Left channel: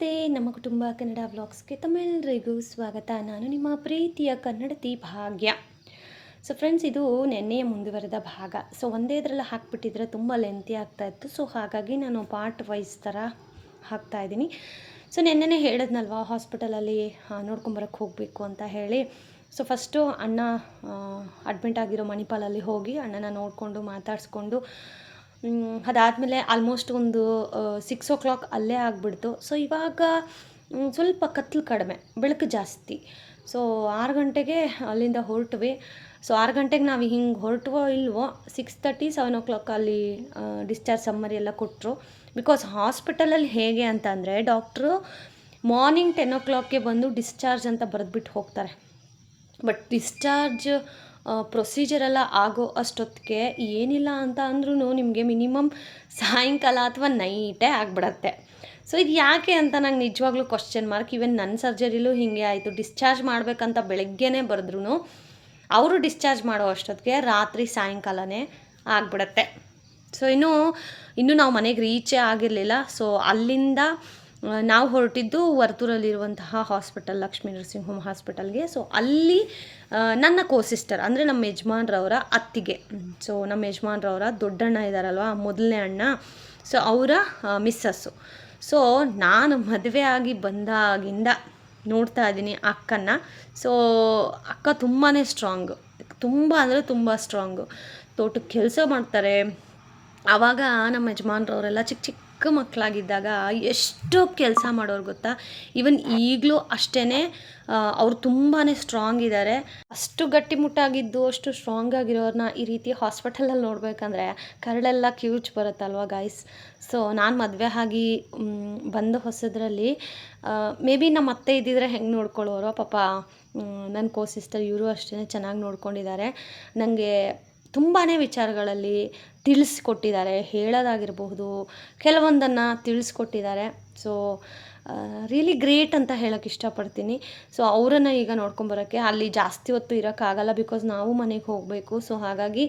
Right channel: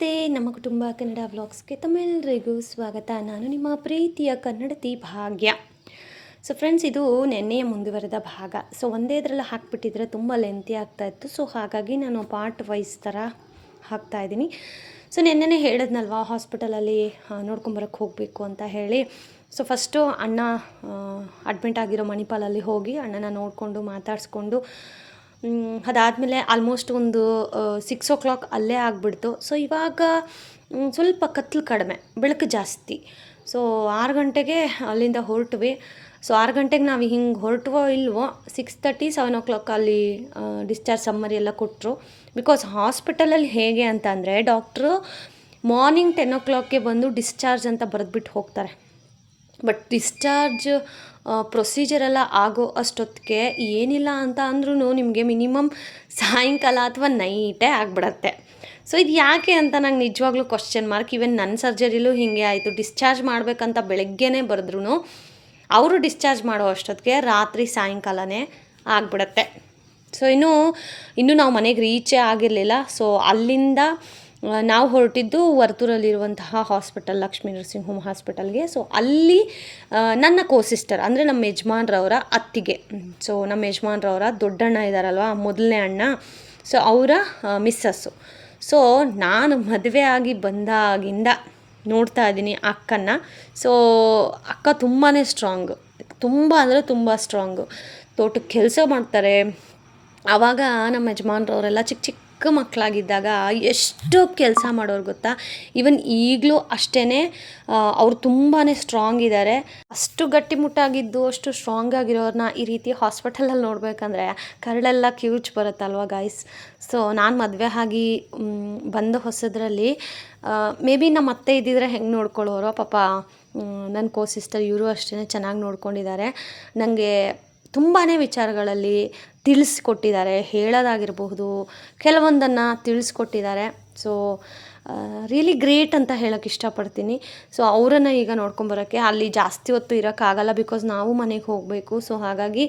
ನಮಸ್ತೆ, ನಮ್ಮ ಕುಟುಂಬ ಕನ್ನಡ ವ್ಲಾಗ್ಸ್ಗೆ ತಮ್ಮೆಲ್ಲರಿಗೂ ಸ್ವಾಗತ. ನಾನು ನಿಮ್ಮ ಪ್ರೀತಿಯ ಕನ್ನಡತಿ ಭಾಗ್ಯ. ಸೊ ಫ್ರೆಂಡ್ಸ್, ಇದು ನೆನ್ನೆಯ ಮುಂದುವರೆದ ಭಾಗ. ಸೊ ಒಂದೇ ಇದರಲ್ಲಿ ಹಾಕಿಬಿಟ್ಟಿದ್ರೆ ತುಂಬ ಲೆಂತಿ ಆಗ್ತಾಯಿತ್ತು. ಸೊ ಹಾಗಾಗಿ ನಾನು ಪಾರ್ಟ್ ವೈಸ್ ಥರ ಹಾಕ್ತಾಯಿದ್ದೀನಿ. ಸೊ ನೆನ್ನೆನೇ ಹೇಳಿದ್ನಲ್ವ, ಹಾಸ್ಪಿಟಲಲ್ಲಿ ನೋಡ್ಕೊಂಬರಕ್ಕೆ ಹೋಗಬೇಕು ಅಂತ ಹೇಳಿ. ಸೊ ಫಸ್ಟು ಅಣ್ಣ ಅಡ್ಮಿಂಟ್ ಆಗಿರೋ ಮಣಿಪಾಲಲ್ಲಿ ಹೋಗಿ ಅಣ್ಣನ ನೋಡಿಕೊಂಡು ಮಾತಾಡಿಸ್ಕೊಂಡು ಅದಾದಮೇಲೆ ಆಲ್ಮೋಸ್ಟ್ ಒಂದು 6 o'clock ಅಲ್ಲೇ ಆಗಿಬಿಡ್ತು. ಸೊ ಇವಾಗ ಸ್ವಲ್ಪ ಕತ್ಲು ಕಡಿಮೆ, ಬೆಳಕು ಜಾಸ್ತಿ. ಸೊ 6 ಗಂಟೆಗೆ ಅಲ್ಲಿಂದ ಹೊರಟ್ವಿ. ಸೊ 6 ಗಂಟೆಗೆ ನಾವು ಹಿಂಗೆ ಹೊರಟುವೋ ಇಲ್ವೋ 6:30 7 o'clock ಅಲ್ಲಿ ಡಿಸ್ಚಾರ್ಜ್ ಸಮ್ಮರಿ ಎಲ್ಲ ಕೊಟ್ಟರು. ಬಿಕಾಸ್ ಹಾಸ್ಪಿಟಲಲ್ಲಿ ಹೇಗೆ ಅಂತ ಅಂದರೆ, ಡಾಕ್ಟ್ರು ಮಾರ್ನಿಂಗ್ 10 o'clockಗೆ ಬಂದು ಡಿಸ್ಚಾರ್ಜ್ ಅಂತ ಬರೆದ್ಬಿಟ್ಟು ಹೋಗ್ತಾರೆ. ಬಟ್ ಡಿಸ್ಚಾರ್ಜ್ ಪ್ರೊಸೀಜರೆಲ್ಲ ಆಗೋ ಅಷ್ಟೊತ್ತಿಗೆ ಏನಿಲ್ಲ ಅಂತ ಅಂದ್ರೂ ನಿಮಗೆ ಮಿನಿಮಮ್ ಸಾಯಂಕಾಲ ಅಥವಾ ನೈಟೇ ಆಗಿಬಿಡತ್ತೆ. ಸೊ ಇದು ಯಾಕೆ ಅಂತ ನಂಗೆ ನಿಜವಾಗ್ಲೂ ಕ್ವಶ್ಚನ್ ಮಾರ್ಕ್. ಈವನ್ ನನ್ನ ಸರ್ಜರಿಲೂ ಹೀಗೆ ಆಯಿತು. ಡಿಸ್ಚಾರ್ಜ್ ಮಾಡಬೇಕಂತ ಬೆಳಗ್ಗೆನೇ ಬರೆದ್ರೂ ಅವರು ಡಿಸ್ಚಾರ್ಜ್ ಮಾಡೋ ಅಷ್ಟೊತ್ತಿಗೆ ರಾತ್ರಿ ಸಾಯಂಕಾಲನೇ ಆಗಿಬಿಡತ್ತೆ. ಸೊ ಇನ್ನೂ ನಾವು ಮನೆಗೆ ರೀಚೇ ಆಗಿರಲಿಲ್ಲ. ಸೊ ಅಲ್ಲಿಂದ ನಾವು ಹೊರಟಿದ್ದು ವರ್ತೂರಲ್ಲಿರುವಂತಹ ಹಾಸ್ಪಿಟಲ್, ಲಕ್ಷ್ಮೀ ನರ್ಸಿಂಗ್ ಹೋಮ್ ಹಾಸ್ಪಿಟಲ್ಗೆ. ಸೊ ಅಲ್ಲಿ ನನ್ನ ಸಿಸ್ಟರ್ ಅಂದರೆ ನಮ್ಮ ಯಜಮಾನ್ರವರ ಅತ್ತಿಗೆ, ಸೊ ನಮ್ಮ ಯಜಮಾನ್ರವರ ದೊಡ್ಡಣ್ಣ ಇದ್ದಾರಲ್ವ, ಮೊದಲನೇ ಅಣ್ಣ, ಸೊ ಅವರ ಮಿಸ್ಸಸ್ಸು. ಸೊ ನಾನು ಮದುವೆ ಆಗಿ ಬಂದಾಗಿಂದ ನೋಡ್ತಾ ಇದ್ದೀನಿ ಅಕ್ಕನ. ಸೊ ಅಕ್ಕ ತುಂಬಾ ಸ್ಟ್ರಾಂಗು, ತುಂಬ ಅಂದರೆ ತುಂಬ ಸ್ಟ್ರಾಂಗು. ತೋಟಕ್ಕೆ ಕೆಲಸ ಮಾಡ್ತಾರೆ. ಆವಾಗ ನಮ್ಮ ಯಜಮಾನ್ರವರೆಲ್ಲ ಚಿಕ್ಕ ಚಿಕ್ಕ ಮಕ್ಕಳಾಗಿದ್ದಾಗ ಎಷ್ಟು ಕೆಲಸ ಮಾಡೋರು ಗೊತ್ತಾ. ಈವನ್ ಈಗಲೂ ಅಷ್ಟೇ, ಅವ್ರು ತುಂಬಾ ಸ್ಟ್ರಾಂಗ್ ಇದ್ದಾರೆ. ಅಷ್ಟು ಗಟ್ಟಿಮುಟ್ಟಾಗಿದ್ದು, ಅಷ್ಟು ಸ್ಟ್ರಾಂಗ್ ಆಗಿರೋರನ್ನ ಈ ರೀತಿ ಹಾಸ್ಪಿಟಲಲ್ಲಿ ನೋಡಬೇಕಂದ್ರೆ ಕರಳೆಲ್ಲ ಕಿವುಚ್ ಬರುತ್ತಲ್ವ ಗಾಯ್ಸ್. ಸೊ ನಾನು ಮದುವೆ ಆಗಿ ಬಂದ ಹೊಸದ್ರಲ್ಲಿ ಮೇ ಬಿ ನಮ್ಮ ಅತ್ತೆ ಇದ್ದಿದ್ರೆ ಹೆಂಗೆ ನೋಡ್ಕೊಳ್ಳೋರೋ ಪಾಪ. ನನ್ನ ಸಿಸ್ಟರ್ ಇವರು ಅಷ್ಟೇ ಚೆನ್ನಾಗಿ ನೋಡ್ಕೊಂಡಿದ್ದಾರೆ. ನನಗೆ ತುಂಬಾ ವಿಚಾರಗಳಲ್ಲಿ ತಿಳಿಸ್ಕೊಟ್ಟಿದ್ದಾರೆ, ಹೇಳೋದಾಗಿರಬಹುದು, ಕೆಲವೊಂದನ್ನು ತಿಳಿಸ್ಕೊಟ್ಟಿದ್ದಾರೆ. ಸೊ ರಿಯಲಿ ಗ್ರೇಟ್ ಅಂತ ಹೇಳೋಕ್ಕೆ ಇಷ್ಟಪಡ್ತೀನಿ. ಸೊ ಅವರನ್ನು ಈಗ ನೋಡ್ಕೊಂಬರೋಕ್ಕೆ ಅಲ್ಲಿ ಜಾಸ್ತಿ ಹೊತ್ತು ಇರೋಕ್ಕಾಗಲ್ಲ, ಬಿಕಾಸ್ ನಾವು ಮನೆಗೆ ಹೋಗಬೇಕು. ಸೊ ಹಾಗಾಗಿ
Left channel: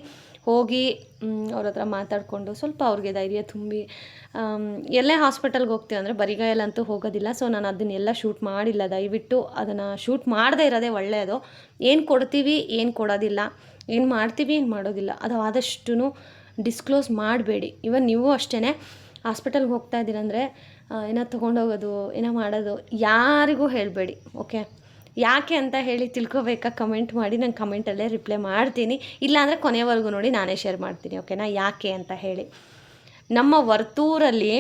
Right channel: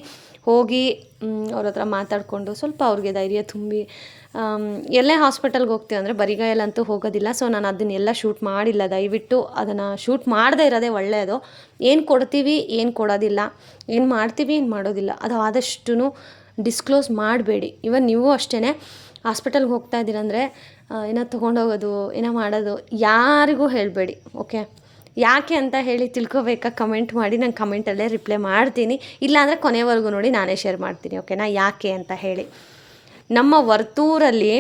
ಹೋಗಿ ಅವ್ರ ಹತ್ರ ಮಾತಾಡಿಕೊಂಡು ಸ್ವಲ್ಪ ಅವ್ರಿಗೆ ಧೈರ್ಯ ತುಂಬಿ, ಎಲ್ಲೇ ಹಾಸ್ಪಿಟಲ್ಗೆ ಹೋಗ್ತೀವಿ ಅಂದರೆ ಬರಿಗೈಯಲ್ಲಂತೂ ಹೋಗೋದಿಲ್ಲ. ಸೊ ನಾನು ಅದನ್ನೆಲ್ಲ ಶೂಟ್ ಮಾಡಿಲ್ಲ. ದಯವಿಟ್ಟು ಅದನ್ನು ಶೂಟ್ ಮಾಡದೇ ಇರೋದೇ ಒಳ್ಳೆಯದು. ಏನು ಕೊಡ್ತೀವಿ, ಏನು ಕೊಡೋದಿಲ್ಲ, ಏನು ಮಾಡ್ತೀವಿ, ಏನು ಮಾಡೋದಿಲ್ಲ, ಅದು ಆದಷ್ಟು ಡಿಸ್ಕ್ಲೋಸ್ ಮಾಡಬೇಡಿ. ಇವನ್ ನೀವು ಅಷ್ಟೇ ಹಾಸ್ಪಿಟಲ್ಗೆ ಹೋಗ್ತಾ ಇದ್ದೀರಂದರೆ ಏನೋ ತೊಗೊಂಡೋಗೋದು, ಏನೋ ಮಾಡೋದು ಯಾರಿಗೂ ಹೇಳಬೇಡಿ. ಓಕೆ, ಯಾಕೆ ಅಂತ ಹೇಳಿ ತಿಳ್ಕೊಬೇಕಾ ಕಮೆಂಟ್ ಮಾಡಿ. ನಾನು ಕಮೆಂಟಲ್ಲೇ ರಿಪ್ಲೈ ಮಾಡ್ತೀನಿ. ಇಲ್ಲಾಂದರೆ ಕೊನೆವರೆಗೂ ನೋಡಿ, ನಾನೇ ಶೇರ್ ಮಾಡ್ತೀನಿ. ಓಕೆನಾ, ಯಾಕೆ ಅಂತ ಹೇಳಿ. ನಮ್ಮ ವರ್ತೂರಲ್ಲಿ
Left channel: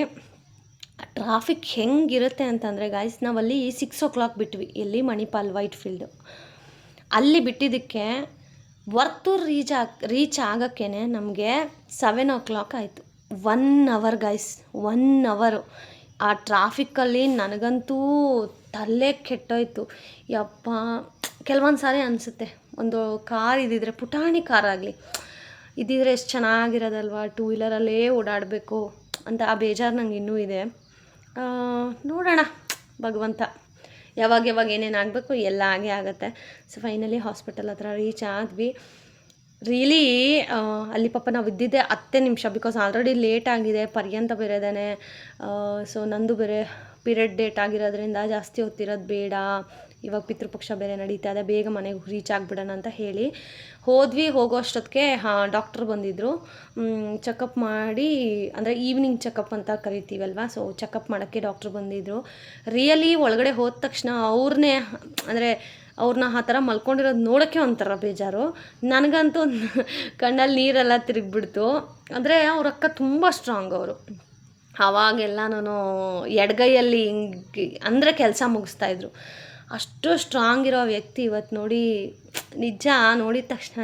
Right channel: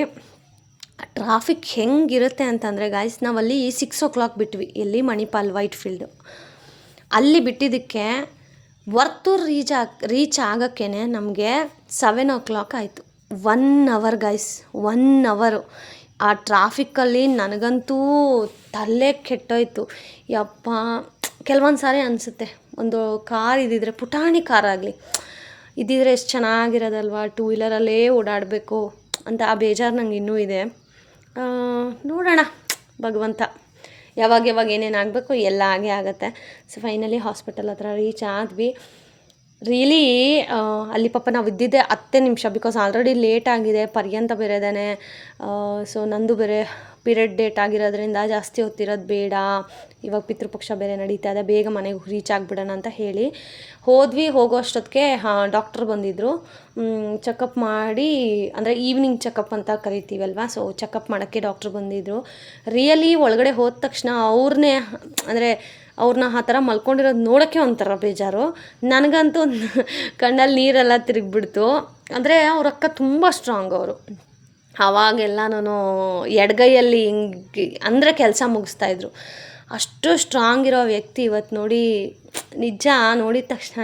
ಟ್ರಾಫಿಕ್ ಹೆಂಗಿರುತ್ತೆ ಅಂತಂದರೆ ಗಾಯ್ಸ್, ನಾವಲ್ಲಿ 6 o'clock ಬಿಟ್ವಿ. ಎಲ್ಲಿ? Manipal white field. ಅಲ್ಲಿ ಬಿಟ್ಟಿದ್ದಕ್ಕೆ ವರ್ತೂರು ರೀಚ್ ಆಗೋಕ್ಕೆ ನಮಗೆ 7 o'clock ಆಯಿತು. 1 hour ಗಾಯ್ಸ್, 1 hour. ಆ ಟ್ರಾಫಿಕ್ಕಲ್ಲಿ ನನಗಂತೂ ತಲೆ ಕೆಟ್ಟೋಯ್ತು. ಯಪ್ಪ, ಕೆಲವೊಂದು ಸಾರಿ ಅನಿಸುತ್ತೆ, ಒಂದು ಕಾರ್ ಇದ್ದಿದ್ರೆ, ಪುಟಾಣಿ ಕಾರಾಗಲಿ ಇದ್ದಿದ್ರೆ ಎಷ್ಟು ಚೆನ್ನಾಗಿರೋದಲ್ವ, 2 ವೀಲರಲ್ಲೇ ಓಡಾಡಬೇಕು ಅಂತ ಆ ಬೇಜಾರು ನಂಗೆ ಇನ್ನೂ ಇದೆ. ನೋಡೋಣ, ಭಗವಂತ ಯಾವಾಗ ಏನೇನು ಆಗಬೇಕು ಎಲ್ಲ ಆಗೇ ಆಗುತ್ತೆ. ಸೊ ಫೈನಲಿ ಹಾಸ್ಪಿಟಲ್ ಹತ್ರ ರೀಚ್ ಆದ್ವಿ. ರಿಯಲಿ ಅಲ್ಲಿ ಪಾಪ ನಾವು ಇದ್ದಿದ್ದೆ 10 ನಿಮಿಷ, ಬಿಕಾಸ್ ಆಲ್ರೆಡಿ ಲೇಟ್ ಆಗಿದೆ. ಪರ್ಯಂತ ಬೇರೆದೇ. ಸೊ ನಂದು ಬೇರೆ ಪೀರಿಯಡ್ ಡೇಟ್ ಆಗಿರೋದ್ರಿಂದ ಜಾಸ್ತಿ ಹೊತ್ತಿರೋದು ಬೇಡ, ಇವಾಗ ಪಿತೃಪಕ್ಷ ಬೇರೆ ನಡೀತಾ ಇದೆ, ಬೇಗ ಮನೆಗೆ ರೀಚ್ ಆಗಿಬಿಡೋಣ ಅಂತ ಹೇಳಿ ಹೋದ್ವಿ. ಹೋಗೋ ಅಷ್ಟೊತ್ತಿಗೆ ಡಾಕ್ಟ್ರ್ ಬಂದಿದ್ದರು. ಚೆಕಪ್ ಮಾಡಿ, ಅಂದರೆ ಈವ್ನಿಂಗ್ ಚೆಕಪ್ ಅಂತ ಕರಿತೀವಲ್ವ, ಸೊ ಚೆಕಪ್ ಮಾಡೋಕ್ಕೆ ಡಾಕ್ಟ್ರ್ ಬಂದಿದ್ದರು. ರಿಯಲಿ ಒಳಗಡೆ ಹೋದ ತಕ್ಷಣ ಅವ್ರನ್ನ ಆ ಥರ ಮಲ್ಕೊಂಡಿರೋದು ನೋಡೋಕ್ಕೆ ಒಂಥರ ಬೇಜಾರು. ನನಗಂತೂ ಕಣ್ಣಲ್ಲಿ ನೀರೆಲ್ಲ ತಿರುಗಿಬಿಡ್ತು. ಅಂದರೆ ಅವ್ರ ಅಕ್ಕ ತುಂಬ ಸ್ಟ್ರಾಂಗ್. ಅವರು ಆವಾಗೆಲ್ಲನೂ ಎಡಗೈಯಲ್ಲಿ ಹಿಂಗೆ ಅಂದರೆ ಕೆಲಸ ಮುಗಿಸ್ತಾಯಿದ್ರು. ಅಷ್ಟು ಸ್ಟ್ರಾಂಗ್ ಇರೋ ವ್ಯಕ್ತಿ ಇವತ್ತು ನೋಡಿ, ನಿಜ ನೋಡಿದ ತಕ್ಷಣ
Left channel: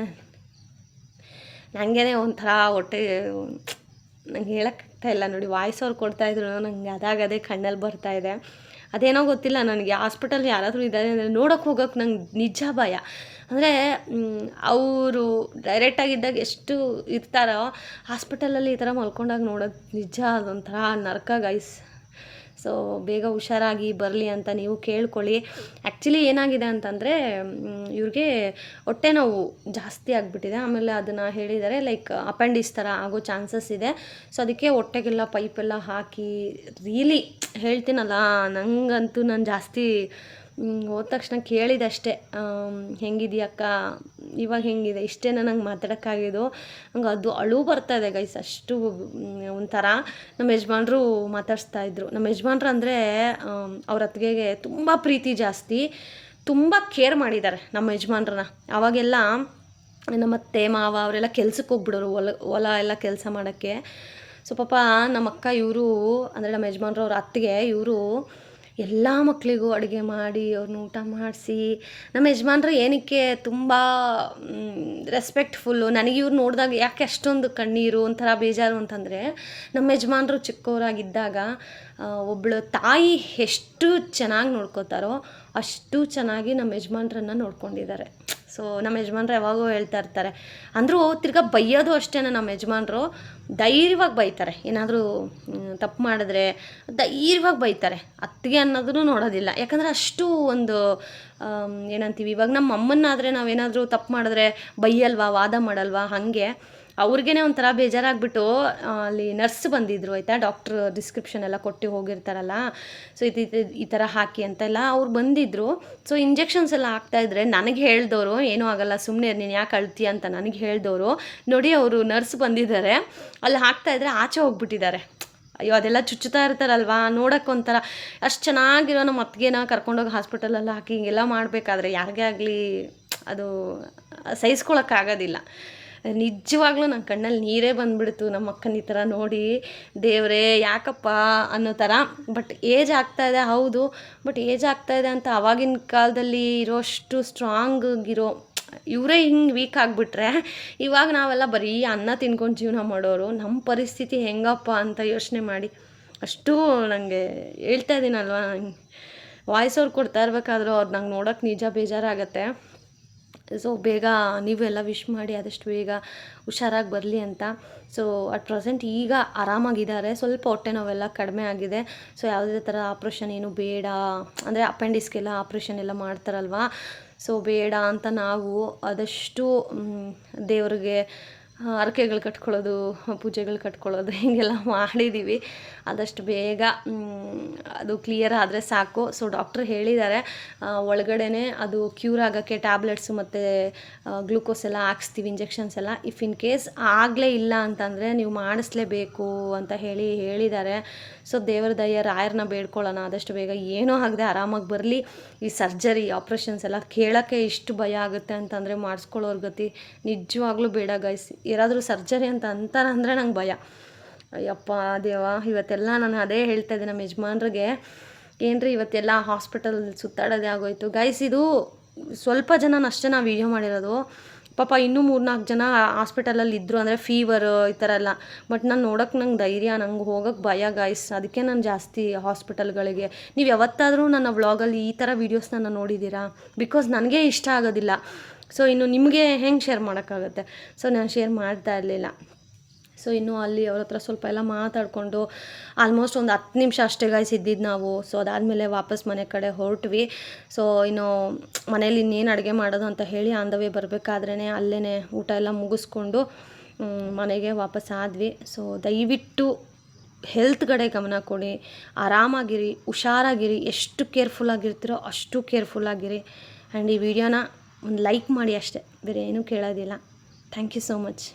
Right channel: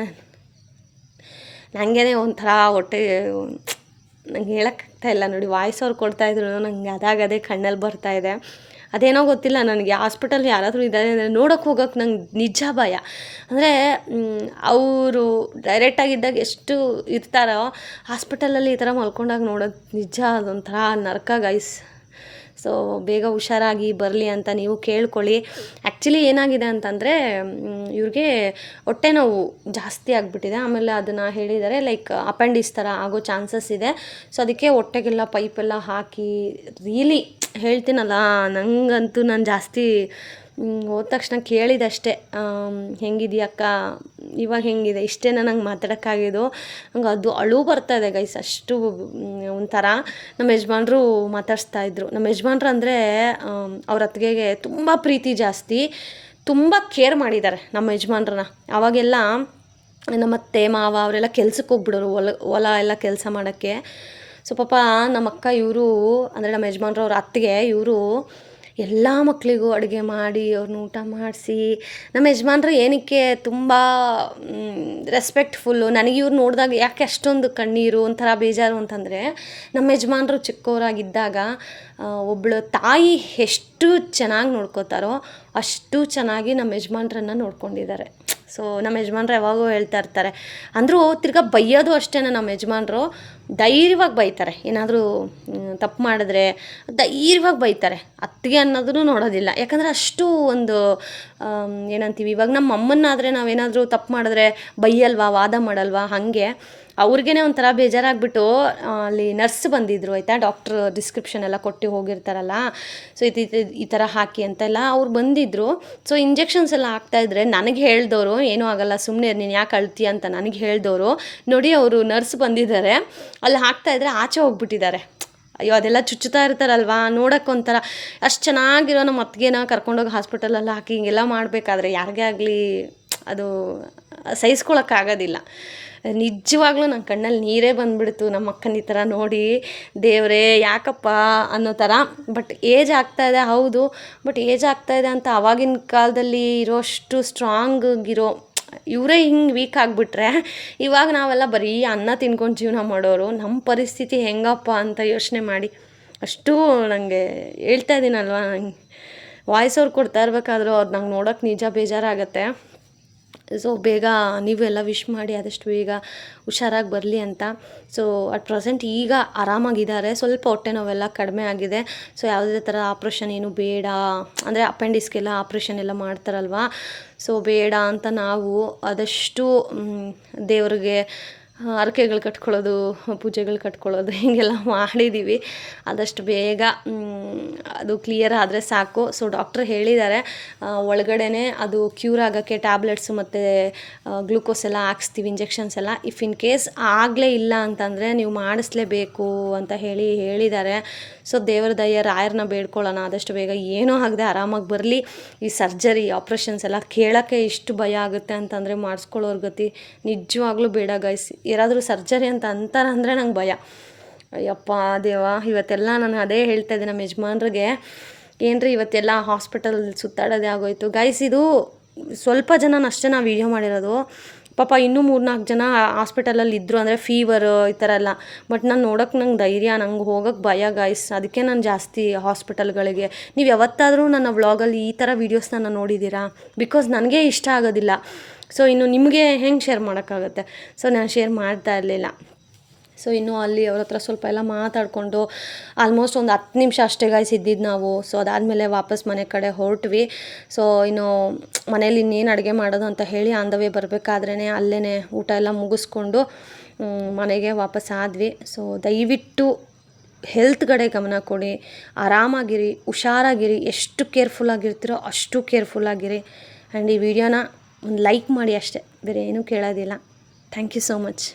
ನನಗೇ ಒಂಥರ ಹೊಟ್ಟೆ, ನಂಗೆ ಹೇಳೋಕ್ಕಾಗ್ತಾಯಿಲ್ಲ ನೋಡಿ. ವಾಯ್ಸ್ ಅವ್ರು ಕೊಡ್ತಾಯಿದ್ರು, ನಂಗೆ ಅದೇ ಕಣ್ಣಲ್ಲಿ ಬರ್ತಾಯಿದೆ. ಅದೇನೋ ಗೊತ್ತಿಲ್ಲ ನನಗೆ. ಹಾಸ್ಪಿಟಲ್ ಯಾರಾದರೂ ಇದ್ದಾರೆ ಅಂದರೆ ನೋಡೋಕ್ಕೆ ಹೋಗೋಕ್ಕೆ ನಂಗೆ ನಿಜ ಭಯ. ಅಂದರೆ ಅವರು ಡೈರೆಕ್ಟಾಗಿದ್ದಾಗ ಎಷ್ಟು ಇರ್ತಾರೋ, ಹಾಸ್ಪಿಟಲಲ್ಲಿ ಈ ಥರ ಮಲ್ಕೊಂಡಾಗ ನೋಡೋದು ನಿಜ ಅದೊಂಥರ ನರಕ ಗೈಸ್. ಸೊ ಬೇಗ ಹುಷಾರಾಗಿ ಬರಲಿ ಅಂತ ನೀವು ಕೇಳ್ಕೊಳ್ಳಿ. ಆ್ಯಕ್ಚುಲಿ ಏನಾಗಿದೆ ಅಂತಂದರೆ ಇವ್ರಿಗೆ ಹೊಟ್ಟೆ ನೋವು ಜಾಸ್ತಿ ಆಗಿಬಿಟ್ಟಿದೆ. ಆಮೇಲೆ ಅದನ್ನು ಹೇಳಿದ್ದಾರೆ ಲೈಕ್ ಅಪೆಂಡಿಕ್ಸ್ ಥರ ಆಗೋ ಚಾನ್ಸಸ್ ಇದೆ. ಸೊ ಅದಕ್ಕೆ ಹೊಟ್ಟೆಗೆಲ್ಲ ಪೈಪೆಲ್ಲ ಹಾಕಿ ರಿಯಲಿ ಹೇಳ್ತೀನಲ್ಲ, ನನಗಂತೂ ನಾನು ಜಾಸ್ತಿ ಹೋದ ತಕ್ಷಣ ಕೇಳಿದಷ್ಟೇ, ಹೆಂಗಿದೆಯಕ್ಕ, ಇವಾಗ ಹೆಂಗಿದೆ, ಇಷ್ಟೇ ನಂಗೆ ಮಾತಾಡೋಕ್ಕಾಗಿದ್ದು. ನಂಗೆ ಅದು ಅಳು ಬರ್ತಾಯಿದೆ ಗೈಸ್, ಅಷ್ಟು ಒಂಥರ. ನಮ್ಮ ಯಜಮಾನ್ರು ಮಾತಾಡಿಸ್ತಾಯಿದ್ರು. ನಮ್ಮ ಯಜಮಾನ್ರು ಅಂದರೆ ಅವ್ರ ಅತ್ತಿಗೆಗೆ ತುಂಬ ಪ್ರೀತಿ ಜಾಸ್ತಿ, ತುಂಬ ಕೇರ್ ಮಾಡಿದ್ದಾರೆ ನಮ್ಮ ಯಜಮಾನ್ರನ್ನ. ಅವಾಗೆಲ್ಲ ನಮ್ಮ ಅತ್ತೆ ಮಾವ ಅವರೆಲ್ಲ ಕೆಲ್ಸಕ್ಕೆ ಹೋಗ್ಬಿಡೋರು, ಹೊಲ ಎಲ್ಲ ಕೆಲಸ ಮಾಡೋಕ್ಕೆ. ಸೊ ಪಾಪ ನಮ್ಮ ಅಕ್ಕ ಇವರು ಅಂದರೆ ನಮ್ಮ ಯಜಮಾನ್ರು ಅವ್ರ ಅತ್ತಿಗೆ ಇವರು ಎಲ್ಲ ಮಕ್ಕಳಿಗೂ ಅಡುಗೆ ಮಾಡಿ ಅವ್ರನ್ನ ಊಟ ಮಾಡಿಸಿ, ನಮ್ಮ ಯಜಮಾನ್ರು ಏನಕ್ಕೆ ತುಂಬ ರೆಸ್ಪೆಕ್ಟ್ಫುಲ್ಲು. ನನಗೆ ಇವ್ರು ನೋಡಿದಾಗ ಯಾಕೆ ಅಷ್ಟೊಂದು ಕಣ್ಣೀರು ಒಂಥರ ಬೇಜಾರು ಅಂತಂದರೆ, ನಮ್ಮ ಯಜಮಾನ್ರು ಚಿಕ್ಕವರಾಗಿದ್ದಾಗ ಒಬ್ಬಳು ತಾಯಿ ಎಷ್ಟು ಚೆನ್ನಾಗಿ ನೋಡ್ಕೋತಾರೋ ಅಷ್ಟು ಚೆನ್ನಾಗಿ ನಮ್ಮ ಯಜಮಾನ್ರನ್ನ ನೋಡ್ಕೊಂಡಿದ್ದಾರೆ. ಸೊ ನಮ್ಮ ಯಜಮಾನ್ರು ಯಾವಾಗೂ ಹೇಳ್ತಾ ಇರ್ತಾರೆ. ಅಂದರೂ ತಿರ್ಗಾ ಬೈಯೋದು ಅಷ್ಟೇ, ನಮ್ಮ ಯಜಮಾನ್ರು ಧೈರ್ಯವಾಗಿ ಬೈತಾರೆ. ಏನಾದರೂ ತಪ್ಪು ಮಾಡಿದ್ರೆ ಧೈರ್ಯವಾಗಿ ಬೈತಾರೆ. ಅತ್ತಿಗೆ ಅನ್ನೋದನ್ನು ನೋಡೋದಿಲ್ಲ. ಯಾಕಂದರೆ ಅಷ್ಟು ಒಂದು ಏನಂತೀವಿ, ಇವಾಗ ನಮ್ಮ ಅಮ್ಮನ್ನಾದರೆ ನಾವೇನಾದರೂ ತಪ್ಪು ಮಾಡಿದ್ರೆ ಬೈಯಲ್ವಾ, ವಾದ ಮಾಡಲ್ವಾ, ಹಾಗೆ ಅವ್ರಿಗೇ ಒಂಥರ ಬೇಜಾರಾಗ್ಬಿಟ್ಟು ಅಲ್ಲಿ ನರ್ಸ್ ಬಂದಿದ್ದರು ಆಯಿತಾ, ಡಾಕ್ಟ್ರ್ ಡಿಸ್ಕ್ರಿಪ್ಷನ್ ಎಲ್ಲ ಕೊಟ್ಟು ಹೋಗಿರ್ತಾರಲ್ಲ, ಸೊ ಈ ಥರ ಹಾಕಿ ಅಂತೆಲ್ಲ ಅವ್ರು ಬಂದಿದ್ದರು. ಸೊ ಇಂಜೆಕ್ಷನ್ಸ್ ಎಲ್ಲ ಹಾಕ್ತಾಯಿದ್ರೆ ನನಗೆ ಹೇಳ್ದವರು, ಏನೂ ಆಗೋಲ್ಲ ಸುಮ್ಮನೆ ನೀನು ಯಾಕೆ ಅಳ್ತೀಯ ಅಂತ ನನಗೆ ಹೇಳ್ದವರು ನೋಡಿ, ಅವರು ನರ್ಸ್ ಬಂದಿದ್ದಾರೆ, ಅಲ್ಲಿ ಹಾಕ್ತಾಯಿದ್ರೆ ಆಚೆ ಹೋಗ್ಬಿಟ್ಟಿದ್ದಾರೆ. ಅಯ್ಯೋ ಅದೆಲ್ಲ ಚುಚ್ಚುತ್ತಾ ಇರ್ತಾರಲ್ವ, ನೋಡೋಕ್ಕೊಂಥರ. ಅಷ್ಟು ಚೆನ್ನಾಗಿರೋ ನಮ್ಮ ಅತ್ತಿಗೆನ ಕರ್ಕೊಂಡೋಗಿ ಹಾಸ್ಪಿಟಲಲ್ಲಿ ಹಾಕಿ ಹಿಂಗೆಲ್ಲ ಮಾಡಬೇಕಾದ್ರೆ ಯಾರಿಗೇ ಆಗಲಿ ಅದು ಸಹಿಸ್ಕೊಳಕ್ಕಾಗೋದಿಲ್ಲ. ನಿಜವಾಗ್ಲೂ ನನ್ನ ಕಣ್ಣಲ್ಲಿ ನೀರೇ ಬಂದುಬಿಡ್ತು ನಮ್ಮ ಅಕ್ಕನ ಈ ಥರ ನೋಡಿ. ದೇವರೇ ಯಾಕಪ್ಪ ಅನ್ನೋ ಥರ. ಬಟ್ ಏಜ್ ಆಗ್ತಾಯಿದೆ, ಹೌದು, ಬಟ್ ಏಜ್ ಆಗ್ತಾಯಿದೆ ಅಂತ ಆವಾಗಿನ ಕಾಲದಲ್ಲಿ ಇರೋಷ್ಟು ಸ್ಟ್ರಾಂಗಿರೋ ಇವರೇ ಹಿಂಗೆ ವೀಕ್ ಆಗಿಬಿಟ್ರೆ, ಇವಾಗ ನಾವೆಲ್ಲ ಬರೀ ಅನ್ನ ತಿನ್ಕೊಂಡು ಜೀವನ ಮಾಡೋರು. ನಮ್ಮ ಪರಿಸ್ಥಿತಿ ಹೆಂಗಪ್ಪ ಅಂತ ಯೋಚನೆ ಮಾಡಿ. ಅಷ್ಟು ನನಗೆ ಹೇಳ್ತಾ ಇದ್ದೀನಲ್ವ, ನಂಗೆ ವಾಯ್ಸ್ ಅವ್ರು ಕೊಡ್ತಾ ಇರ್ಬೇಕಾದ್ರೂ ಅವ್ರು ನಂಗೆ ನೋಡೋಕೆ ನಿಜ ಬೇಜಾರಾಗತ್ತೆ. ಸೊ ಬೇಗ ನೀವೆಲ್ಲ ವಿಶ್ ಮಾಡಿ ಆದಷ್ಟು ಬೇಗ ಹುಷಾರಾಗಿ ಬರಲಿ ಅಂತ. ಸೊ ಅಟ್ ಪ್ರೆಸೆಂಟ್ ಈಗ ಆರಾಮಾಗಿದ್ದಾರೆ, ಸ್ವಲ್ಪ ಹೊಟ್ಟೆ ನೋವೆಲ್ಲ ಕಡಿಮೆ ಆಗಿದೆ. ಸೊ ಯಾವುದೇ ಥರ ಆಪ್ರೇಷನ್ ಏನು ಬೇಡ, ಅಂದರೆ ಅಪೆಂಡಿಕ್ಸ್ಗೆಲ್ಲ ಆಪ್ರೇಷನ್ ಎಲ್ಲ ಮಾಡ್ತಾರಲ್ವ, ಸೊ ಬೇಡ ಅಂತ ನಾವು ಆದಷ್ಟು ದೇವ್ರಿಗೆ ಹರಕೆಗಳು ಕಟ್ಕೊಳ್ಳೋದು, ಪೂಜೆಗಳು ಕಟ್ಕೊಳ್ಳೋದು ಹೀಗೆಲ್ಲ ಮಾಡಿದ್ದೀವಿ. ಆದಷ್ಟು ಬೇಗ ಅದು ಕ್ಲಿಯರ್ ಆದರೆ ಸಾಕು. ಸೊ ಡಾಕ್ಟ್ರ್ ಹೇಳಿದ್ದಾರೆ ಒಳಗಡೆ ಅದು ಕ್ಯೂರ್ ಆಗೋಕ್ಕೆ ಟ್ಯಾಬ್ಲೆಟ್ಸು ಮತ್ತು ಗ್ಲೂಕೋಸ್ ಎಲ್ಲ ಹಾಕ್ಸ್ತೀವಿ, ಇಂಜೆಕ್ಷನ್ಸ್ ಎಲ್ಲ. ಇಫ್ ಇನ್ ಕೇಸ್ ಆಗಲೇ ಇಲ್ಲ ಅಂತಂದರೆ ನೀವು ಮಾಡಿಸ್ಲೇಬೇಕು ಅಂತ ಹೇಳಿದ್ದಾರೆ. ಸೊ ದೇವರ ದಯೆ ರಾಯರನ್ನ ಬೇಡ್ಕೊಳ್ಳೋಣ ಆದಷ್ಟು ಬೇಗ ಏನೂ ಆಗದೆ ಆರಾಮಾಗಿ ಬರಲಿ. ಈ ಸರ್ಜರಿ ಆಪ್ರೇಷನ್ಸ್ ಎಲ್ಲ ಕೇಳೋಕ್ಕೆ ಇಷ್ಟು ಭಯ ಆಗುತ್ತೆ ಅಂತಂದರೆ ಮಾಡಿಸ್ಕೊಳ್ಳೋರ ಗತಿ ನಿಜವಾಗ್ಲೂ ಬೇಡ ಗೈಸ್. ಯಾರಾದರೂ ಸರ್ಜರಿ ಅಂತ ಅಂತಾರಂದರೆ ನಂಗೆ ಭಯ. ಅಯ್ಯಪ್ಪ ದೇವ, ಇವತ್ತೆಲ್ಲ ನಾನು ಅದೇ ಹೇಳ್ತಾ ಇದ್ದೆ ನಮ್ಮ ಯಜಮಾನ್ರಿಗೆ, ಏನ್ರಿ ಇವತ್ತೆಲ್ಲ ಹಾಸ್ಪಿಟಲ್ ಸುತ್ತಾಡೋದೇ ಆಗೋಯ್ತು ಗೈಸ್. ಇದು ಸ್ವಲ್ಪ ಜನನಷ್ಟೇ ನಾವು ವೀಡಿಯೋ ಮಾಡಿರೋದು. ಪಾಪ ಇನ್ನೂ 3-4 ಜನ ಹಾಸ್ಪಿಟಲಲ್ಲಿ ಇದ್ದರು, ಅಂದರೆ ಫೀವರು ಈ ಥರ ಎಲ್ಲ. ಬಟ್ ನಾನು ನೋಡೋಕ್ಕೆ ನಂಗೆ ಧೈರ್ಯ, ನಂಗೆ ಹೋಗೋಕ್ಕೆ ಭಯ ಗೈಸ್. ಅದಕ್ಕೆ ನಾನು ಜಾಸ್ತಿ ಹಾಸ್ಪಿಟಲ್ಗಳಿಗೆ, ನೀವು ಯಾವತ್ತಾದರೂ ನನ್ನ ವ್ಲಾಗಲ್ಲಿ ಈ ಥರ ವೀಡಿಯೋಸ್ನ ನೋಡಿದ್ದೀರಾ? ಬಿಕಾಸ್ ನನಗೆ ಇಷ್ಟ ಆಗೋದಿಲ್ಲ. ಸೊ ಇನ್ನು ನಿಮಗೆ ಹೆಂಗೆ ಶೇರ್ ಮಾಡೋಕ್ಕಾಗತ್ತೆ? ಸೊ ನಾನು ಶೇರ್ ಮಾಡ್ತಾ ಇರಲಿಲ್ಲ. ಸೊ ಇನ್ನೂ ಅಲ್ಲಿ ಅವ್ರ ಹತ್ರ ಸ್ವಲ್ಪ ಎಲ್ಲ ಮಾತಾಡಿಕೊಂಡು ಆಲ್ಮೋಸ್ಟ್ ಒಂದು 10 ನಿಮಿಷ ಅಷ್ಟೇ ಗೈಸ್ ಇದ್ದಿದ್ದು ನಾವು. ಸೊ ಅದಾದಮೇಲೆ ವಾಪಸ್ ಮನೆ ಕಡೆ ಹೊರಟ್ವಿ. ಸೊ ಇನ್ನು ಮನೇಲಿ ಇನ್ನೇನು ಅಡುಗೆ ಮಾಡೋದು ಅಂತ ಹೇಳಿ ಆನ್ ದ ವೇ ಬರಬೇಕಾದ್ರೇ ಅಲ್ಲೇ ಊಟ ಎಲ್ಲ ಮುಗಿಸ್ಕೊಂಡು ಮನೆಗೆ ವಾಪಸ್ ಆದ್ವಿ. ಸೊ ದಯವಿಟ್ಟು ಹೆಲ್ತ್ ಕಡೆ ಗಮನ ಕೊಡಿ, ಆರಾಮಾಗಿರಿ, ಹುಷಾರಾಗಿರಿ. ಎಷ್ಟು ಕೇರ್ಫುಲ್ಲಾಗಿರ್ತೀರೋ ಅಷ್ಟು ಕೇರ್ಫುಲ್ಲಾಗಿರಿ. ಆ್ಯಂಡ್ ಈ ವಿಡಿಯೋನ ಒಂದು ಲೈಕ್ ಮಾಡಿ ಅಷ್ಟೇ, ಬೇರೆ ಏನೂ ಕೇಳೋದಿಲ್ಲ. Thank you so much.